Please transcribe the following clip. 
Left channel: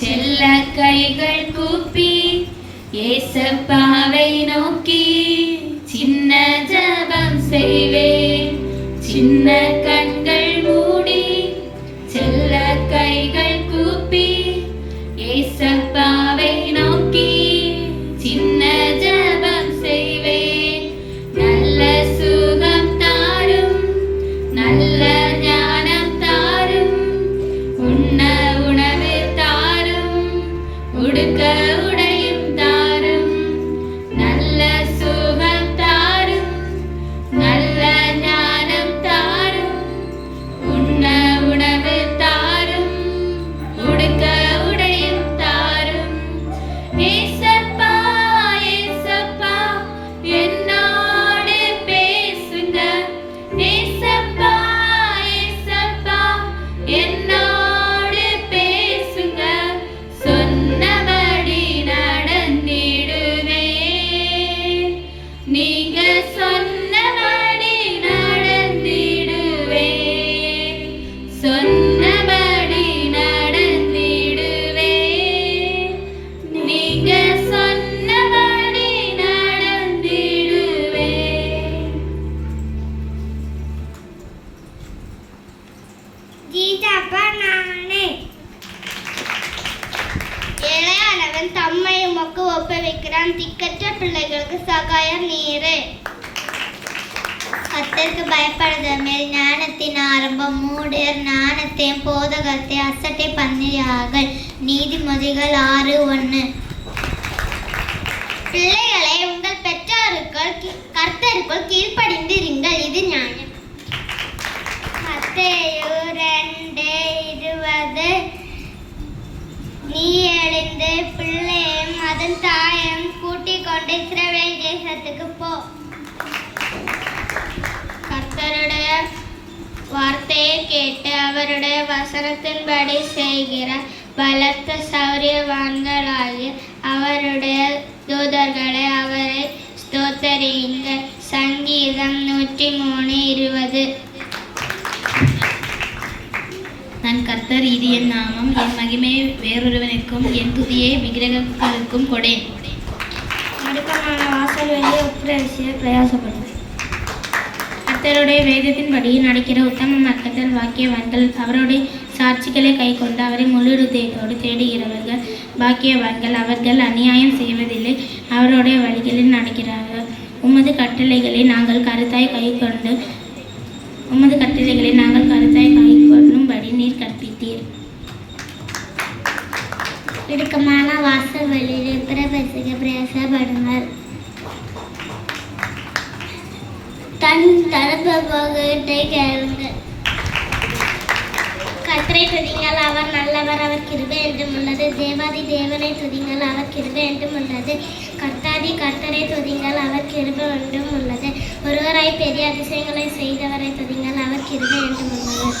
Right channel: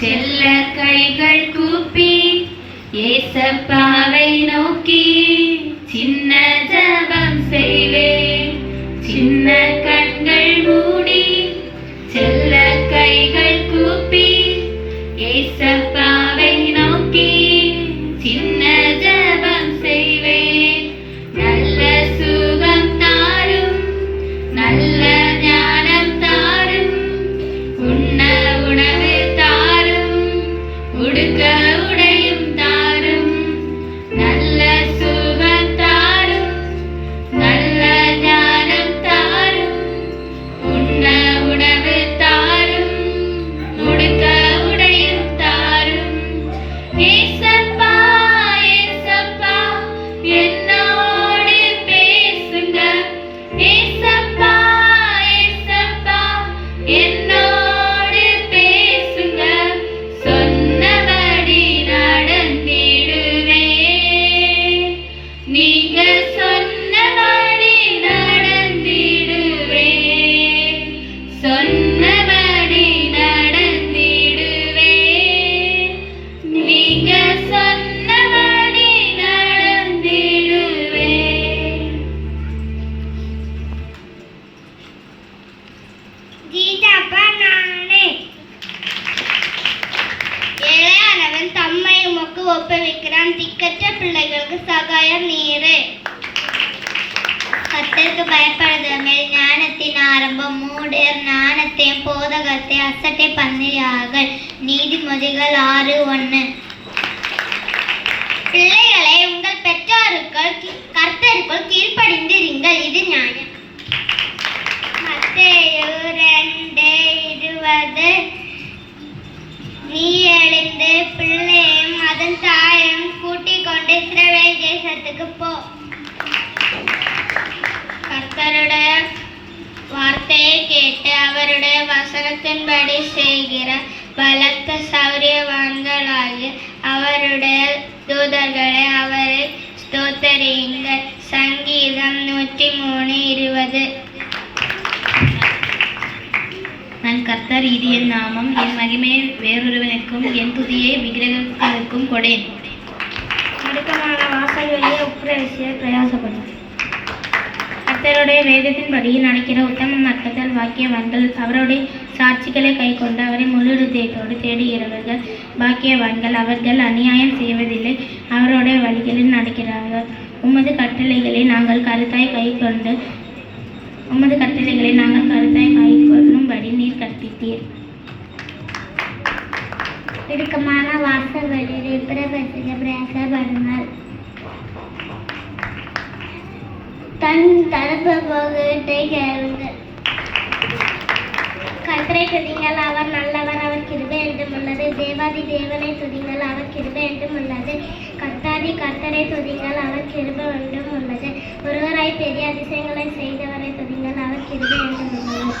செல்ல கைகள் கூப்பி ஏசப்பாவை நோக்கி சின்ன ஜெபம் செய்வேன். சின்ன கண்கள் மூடி செல்ல கைகள் கூப்பி ஏசப்பாவை நோக்கி சின்ன ஜெபம் செய்வேன். நல்ல சுகம் தாரும், நல்ல ஞானம் தாரும், உண்ண உணவு தாரும், உடுக்க உடையும் தாரும். நல்ல சுகம் தாரும், நல்ல ஞானம் தாரும், உண்ண உணவு தாரும், உடுக்க உடையும் தாரும். ஏசப்பா ஏசப்பா என்னோடு பேசுங்க. ஏசப்பா ஏசப்பா என்னோடு பேசுங்க. சொன்னபடி நடந்திடுவேன். நீங்க சொன்னபடி நடந்திடுவேன். சொன்னபடி நடந்திடுவேன். நீங்க சொன்னபடி நடந்திடுவேன். கீதப்பா நானே. ஏழையானவன் தம்மை உமக்கு ஒப்புவிக்கிறான். திக்கற்ற பிள்ளைகளுக்கு சகாயம் நீரே. கர்த்தருக்கு பயப்படுதமே ஞானத்தின் ஆரம்பம். மூடர் ஞானத்தையும் போதகத்தை அசட்டை பண்ணியார்கள். நீதிமொழிகள் 6:1. பிள்ளைகளை உங்கள் பெற்றாருக்குள் கர்த்தருக்குள் கீழ்ப்படிந்திருங்கள், இது நியாயம். மத்தேயு 2:20. நீ எழுந்து பிள்ளையும் அதன் தாயும் கூட்டிக் கொண்டு இஸ்ரவேல் தேசத்துக்கு போ. கர்த்தருடைய வார்த்தையை கேட்டு அவருடைய வசனத்தின்படி செய்கிற பலத்த சௌரியவான்களாகிய அவருடைய தூதர்களை அவரை ஸ்தோத்தரியுங்கள். சங்கீதம் 103:20. நான் கர்த்தர், இது என் நாமம். என் மகிமையை வேறொருவனுக்கும் என் துதியை விக்கிரகத்திற்கும் கொடேன். அடுத்தமான வாசல்களிலே உட்பிரவேசிய பிரயாசப்படும். கர்த்தருடைய வேதத்தின்படி நடக்கிற உத்தம மக்கள் பாக்கியவான்கள். அவருடைய சாட்சிகளை கை கொண்டு அவரை முழு இதயத்தோடு தேடுகிறவர்கள் பாக்கியவான்கள். அவர்கள் அநியாயம் செய்வதில்லை, அவருடைய வழிகளில் நடக்கிறார்கள். உமது கட்டளைகளை நாங்கள் கருத்தாய் கை கொள்ளும்படி நீர் கற்பித்தீர். இடுக்கமான வாசல்களிலே பிரவேசிக்க பிரயாசப்படுங்கள். தன் தடுப்பை கேளுங்கள். கர்த்தரை துதிங்கள், அவர் நல்லவர், அவர் கிருபை என்றும் உள்ளது. தேவாதி தேவனை துதிங்கள், அவர் கிருபை என்றும் உள்ளது. கர்த்தாதி கர்த்தரை துதிங்கள், அவர் கிருபை என்றும் உள்ளது. ஒருவராய் பெரிய அதிசயங்களை செய்தவரை துதிங்கள், அவர் கிருபை என்றும் உள்ளது.